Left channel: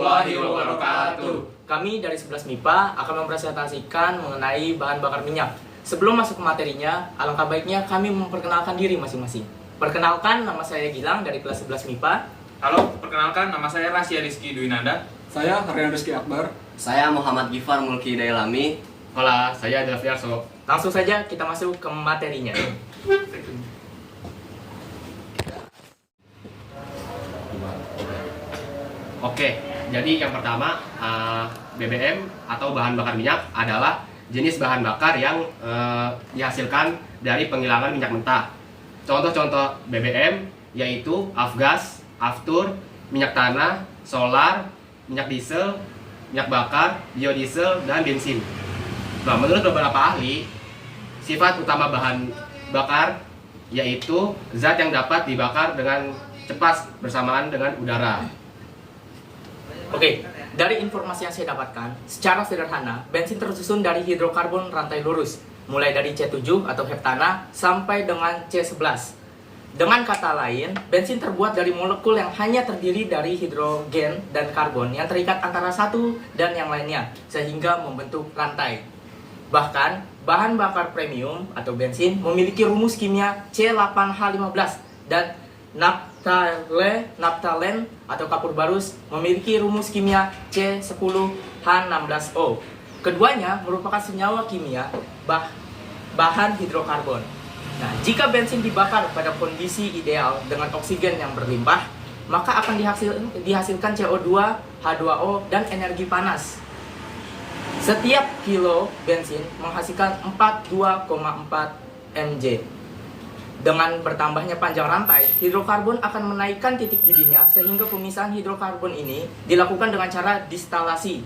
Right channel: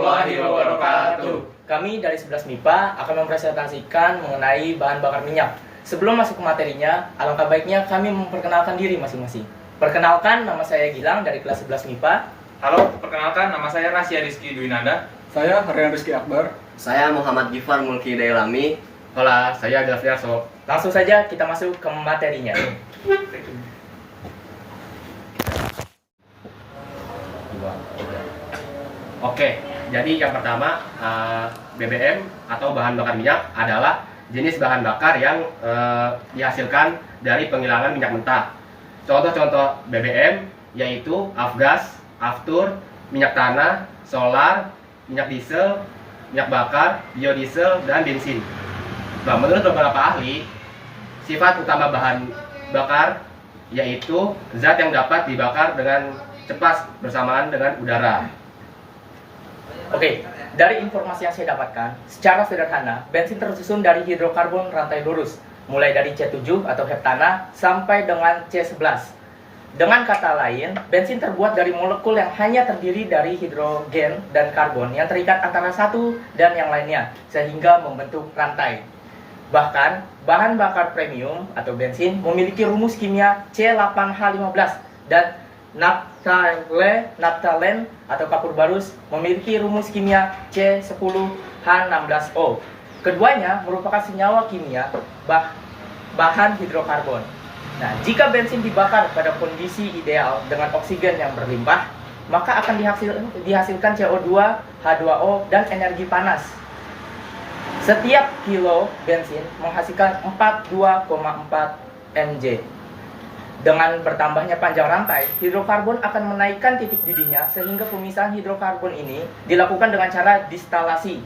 warahmatullahi wabarakatuh. Kami dari 11 MIPA akan mempresentasikan mengenai bahan bakar minyak. Sebelum masuk ke materinya, alangkah baiknya kami memperkenalkan diri masing-masing. Perkenalkan, nama saya Gilang dari kelas 11 MIPA. Halo, perkenalkan nama saya Rasya Rizky Dwinanda. Saya Haryan Rizky Akbar. Saya Muhammad Gifar Mulki Dailami. Hola, saya Delviarso. Langsung saja kita masuk ke materinya. Oke, jadi yang pertama BBM atau bahan bakar minyak adalah jenis bahan bakar yang dihasilkan dari penghilangan minyak mentah. Contoh-contoh BBM yaitu afgas, aftur, minyak tanah, solar, minyak diesel, minyak bakar, biodiesel, dan bensin. Nah, menurut beberapa ahli, sifat utama bahan bakar yaitu zat yang dapat dibakar dengan cepat bersamaan dengan udara. Oke, dari informasi yang saya dapatkan, secara sederhana, bensin tersusun dari hidrokarbon rantai lurus, mulai dari C7 atau heptana sampai dengan C11. Dengan kata lain, bensin terbuat dari molekul yang hanya terdiri dari hidrogen dan karbon yang terikat antara satu dan yang lainnya, sehingga membentuk rantai. Bahkan, bahan bakar premium atau bensin memiliki rumus kimia C8H15 dan naphthalen atau kapur barus memiliki rumus kimia C10H16O. Keduanya merupakan senyawa kimia bahan hidrokarbon. Nah, jika bensin dibakar pada kondisi ideal dengan oksigen yang berlimpah, maka akan dihasilkan CO2, H2O, dan energi panas. Setiap kilo bensin menghasilkan 42,4 mJ. Dengan bertambahnya panjang rantai, hidrokarbon akan menaikkan titik didihnya sehingga pemisahan hidrokarbon ini dilakukan dengan cara distilasi.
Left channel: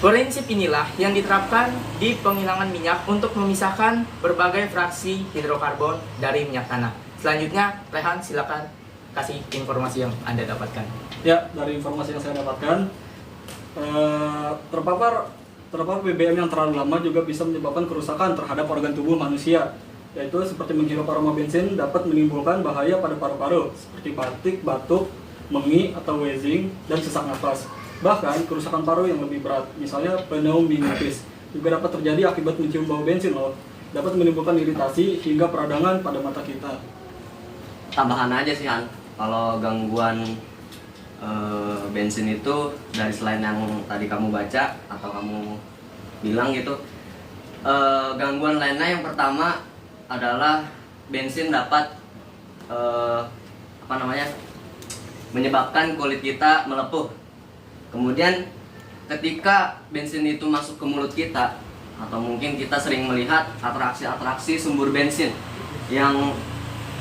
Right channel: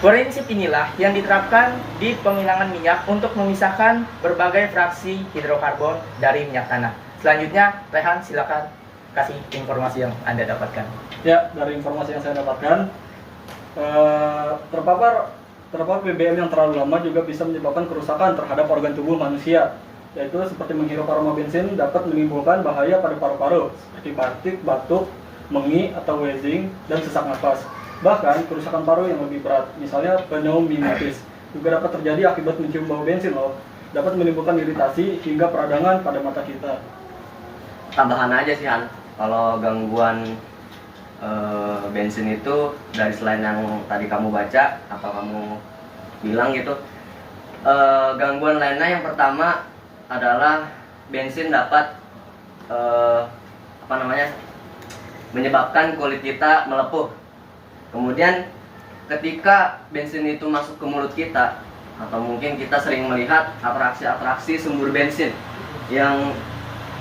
Prinsip inilah yang diterapkan di penghilangan minyak untuk memisahkan berbagai fraksi hidrokarbon dari minyak tanah. Selanjutnya, Rehan, silakan kasih informasi yang Anda dapatkan. Ya, dari informasi yang saya dapatkan, terpapar BBM yang terlalu lama juga bisa menyebabkan kerusakan terhadap organ tubuh manusia, yaitu seperti menghirup aroma bensin dapat menimbulkan bahaya pada paru-paru seperti batuk, batuk, mengi atau wheezing, dan sesak nafas. Bahkan kerusakan paru yang lebih berat, misalnya pneumitis, juga dapat terjadi akibat mencium bau bensin dapat menimbulkan iritasi hingga peradangan pada mata kita. Tambahan aja sih Han, kalau gangguan bensin itu dari selain yang tadi kamu baca atau kamu bilang gitu, gangguan lainnya yang pertama adalah bensin dapat menyebabkan kulit kita melepuh. Kemudian ketika bensin itu masuk ke mulut kita, atau mungkin kita sering melihat atraksi-atraksi sumber bensin yang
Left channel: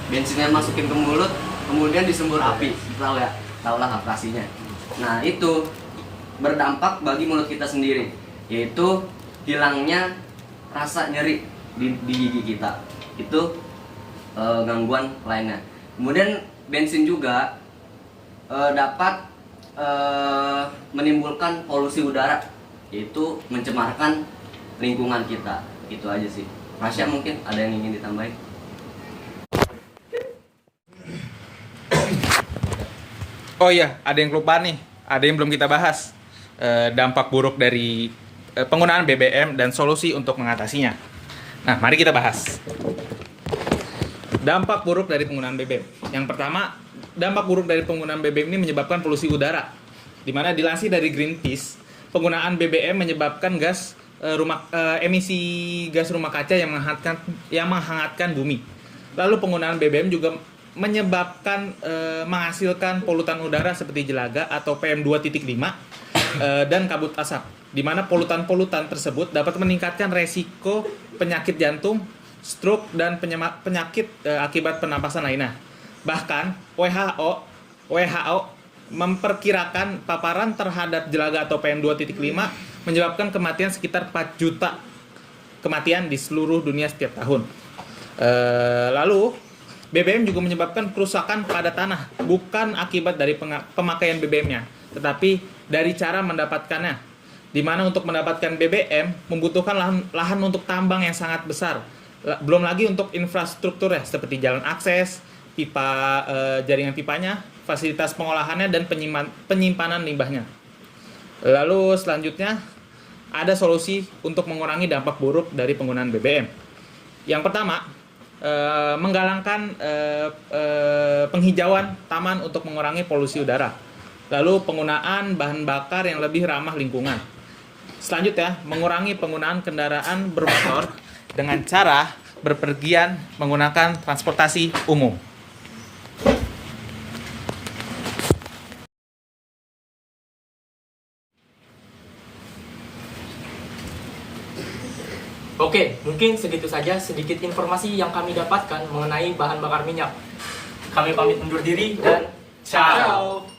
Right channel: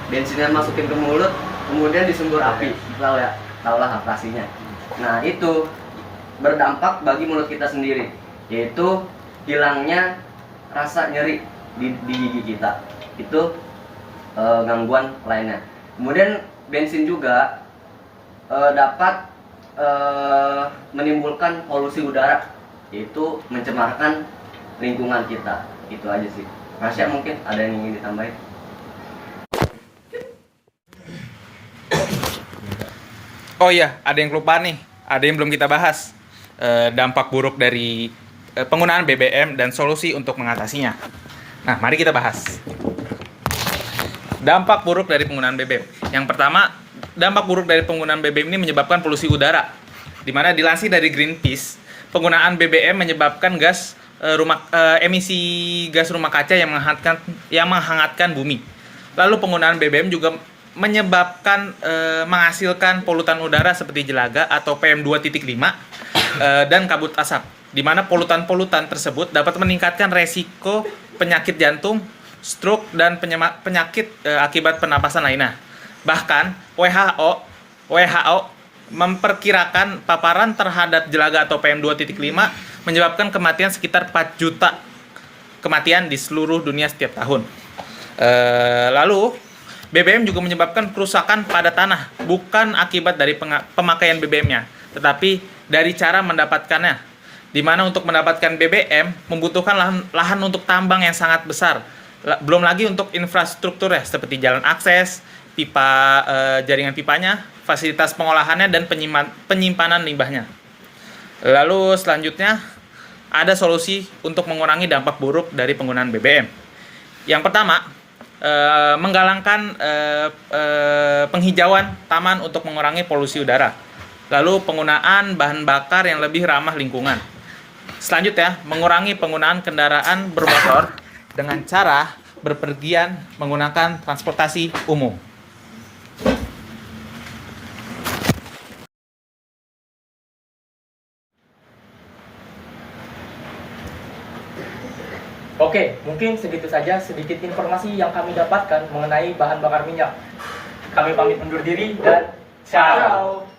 bensinnya masukin ke mulut kemudian disembur api, tahulah atraksinya. Nah, itu berdampak bagi mulut kita sendiri, yaitu hilangnya rasa nyeri di gigi kita. Itu gangguan lainnya. Kemudian bensin juga dapat menimbulkan polusi udara, yaitu mencemarkan lingkungan kita. Itu aja sih. Rasya, mungkin ada yang ingin ditambahin? Oh iya, ada yang lupa nih. Ada yang belum kita bahas. Dampak buruk dari penggunaan BBM dan solusi untuk mengatasinya. Nah, mari kita bahas. Dampak buruk dari penggunaan BBM. Yang pertama, dampak buruk dari penggunaan BBM ini menyebabkan polusi udara. Di mana dilansir dari Greenpeace, penggunaan BBM menyebabkan emisi gas rumah kaca yang menghangatkan bumi. Lalu penggunaan BBM juga menyebabkan menghasilkan polutan udara seperti jelaga atau PM2.5 dan kabut asap, di mana polutan-polutan tersebut dapat meningkatkan resiko penyakit jantung, stroke, dan penyakit akibat pernapasan lainnya. Bahkan WHO memperkirakan paparan terhadap jelaga atau PM2.5 menyebabkan kematian sekitar 4 juta kematian di seluruh dunia setiap tahun. Lalu BBM juga menyebabkan kerusakan pada tanah, bukan akibat dari pemakaian BBM-nya, tetapi dari cara mendapatkannya. Di mana untuk mendapatkan BBM membutuhkan lahan untuk tambang yang sangat besar. Belum lagi untuk infrastruktur ya, seperti jalan akses, pipa, jaringan pipanya, fasilitas pengolahannya dan penyimpanan limbahnya. Lalu selanjutnya ada solusi untuk mengurangi dampak buruk dari penggunaan BBM. Yang pertama, menggalangkan penghijauan taman untuk mengurangi polusi udara. Lalu penggunaan bahan bakar yang lebih ramah lingkungan. Selanjutnya, mengurangi penggunaan kendaraan bermotor dengan cara berpergian menggunakan transportasi umum. Oke, mungkin segitu saja sedikit informasi yang kami dapatkan mengenai bahan bakar minyak. Kami pamit undur diri dan ciao.